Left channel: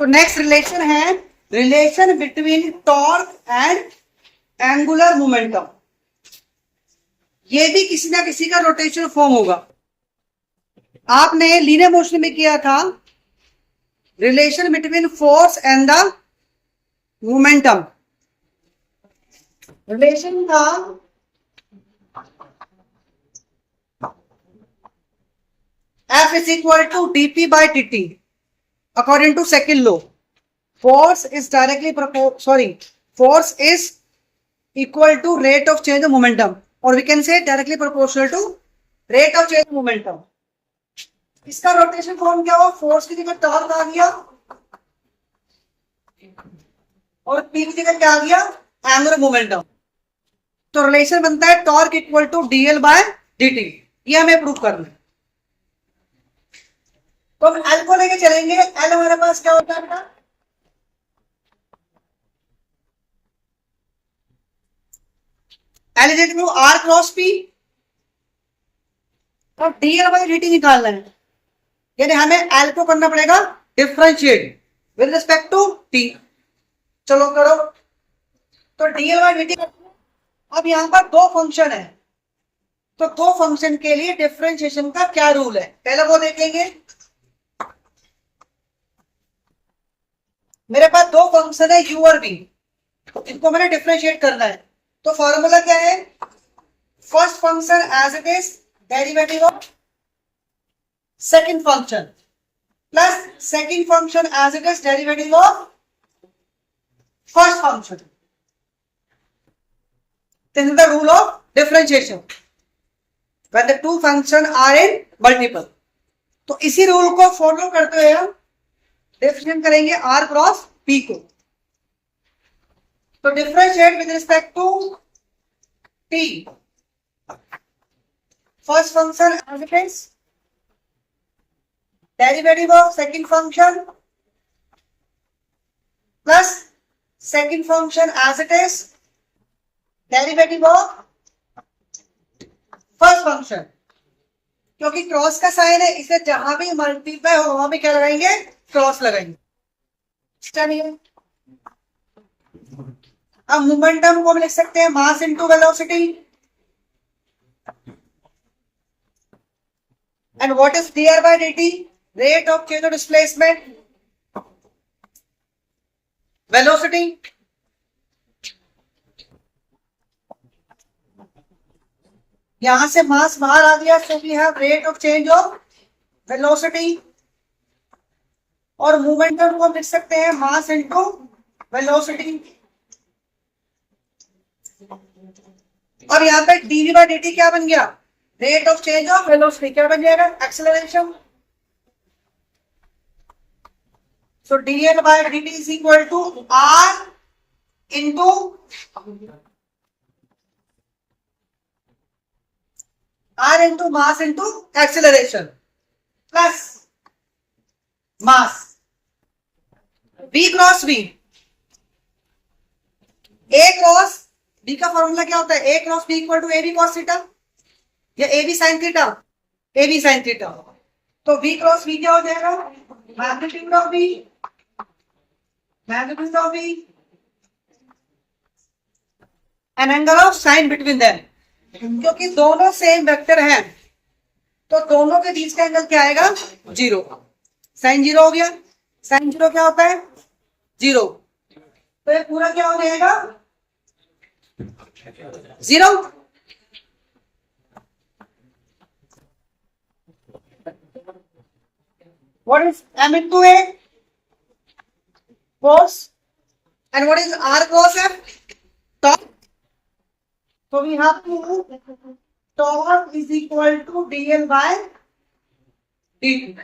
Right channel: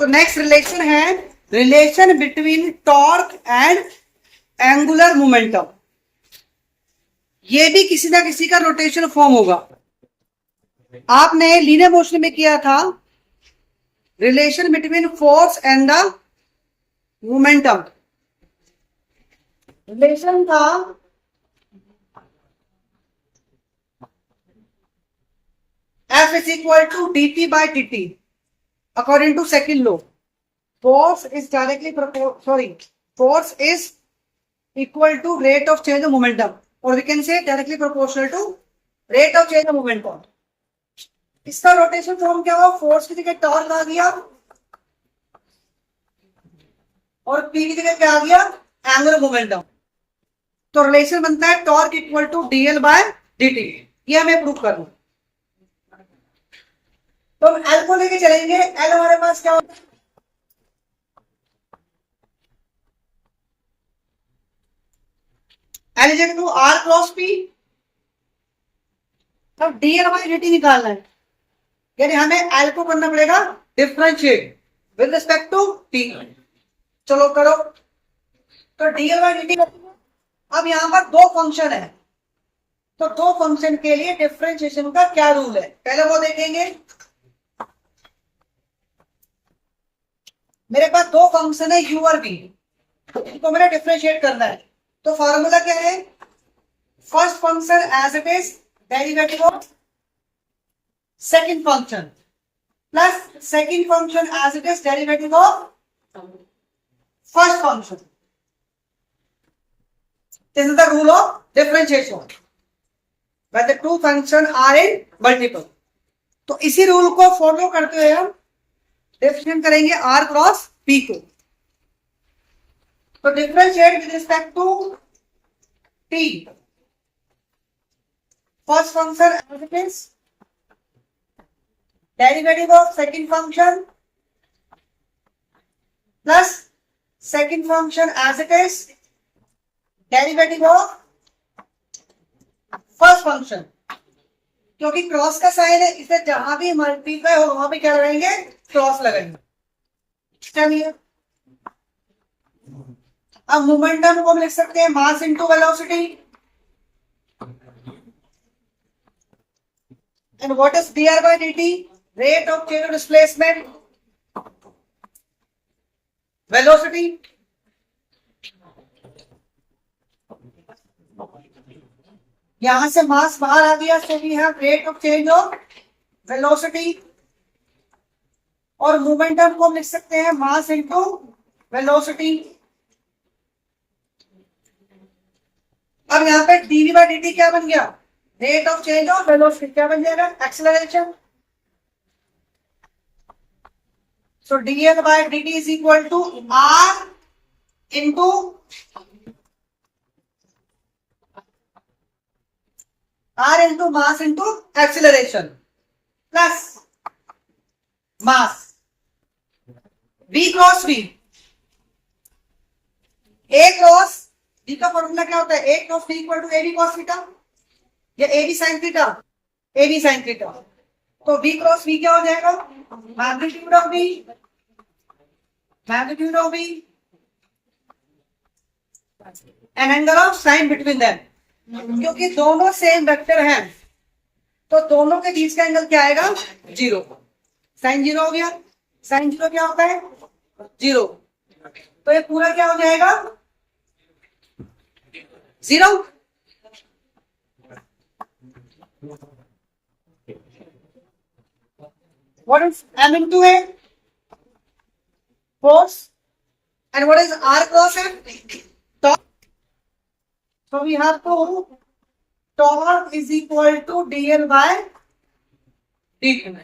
तो next relation है relation between torque and angular momentum. ये भी किसी ना किसी का रोटेशन फॉर्म होगा। आपने लीनियर मोशन में किया था relation between force and the momentum. Relation था F is equal to dp by dt according to second law. Force is equal to rate of change of momentum, or we can say directly proportional to rate of change of momentum. इसका rotation form क्या हुआ? Force की जगह torque आ गया और P की जगह क्या आ गया? Angular momentum. तो रिलेशन बनता है torque equal to D L by. D T prove करना है। तो हम एल को लेके चलेंगे। एल हमारे पास क्या होता है? L is equal to R cross P. तो डीएल बाय डीटी निकालना है, यानी हमें एल को करना पड़ेगा differentiate with respect to T. चलो करो। तो डीएल बाय डीटी। अब यहां पर दो फंक्शन है, तो दो फंक्शन के लिए डिफरेंशिएशन का क्या रूल है पहले वो देखेंगे। मेरे पास दो फंक्शन है u और v, इनको मैंने डिफरेंशिएट करना है। तो फॉर्मूला क्या है? First function as it is derivative of second function plus second function as it is derivative of first function. This is the rule of differentiation when the two functions are in multiple। तो इसी rule को follow करते हुए हम differentiate करेंगे r cross p को। तो differentiate with respect to t first function as it is derivative of second function plus second function as it is derivative of first function. क्योंकि क्रॉस का sign है इसलिए जहां भी मल्टीप्लाई हो वहां भी क्या लगाएंगे? क्रॉस लगाएंगे। चलिए अब मोमेंटम को हम लिख सकते हैं mass into velocity. And what is dr by dt? Rate of change of displacement velocity. यहां से मास बाहर आ गया, so we have rate of change of velocity. और मोमेंटम को हम लिख सकते हैं मास इनटू वेलोसिटी। अब यहां पे dv by dt क्या बन गया? Rate of change of velocity. क्या बन जाएगा? Acceleration. So dl by dt is equal to r into r into mass into acceleration plus mass v cross v। a cross b का formula क्या होता है? a cross b equal to ab cos theta या ab sin theta? ab sin theta. तो v cross v क्या हो जाएगा? Magnitude of v, magnitude of v and angle of sine between them. क्योंकि दोनों सेम वेक्टर हैं तो दोनों के बीच का एंगल क्या आएगा? जीरो। साइन जीरो हो गया। साइन जीरो क्या होता है? जीरो। तो ये पूरा क्या हो जाएगा? Zero. What is m into a? Force. And what is r cross f? Torque. So we have to torque is equal to dl by dt.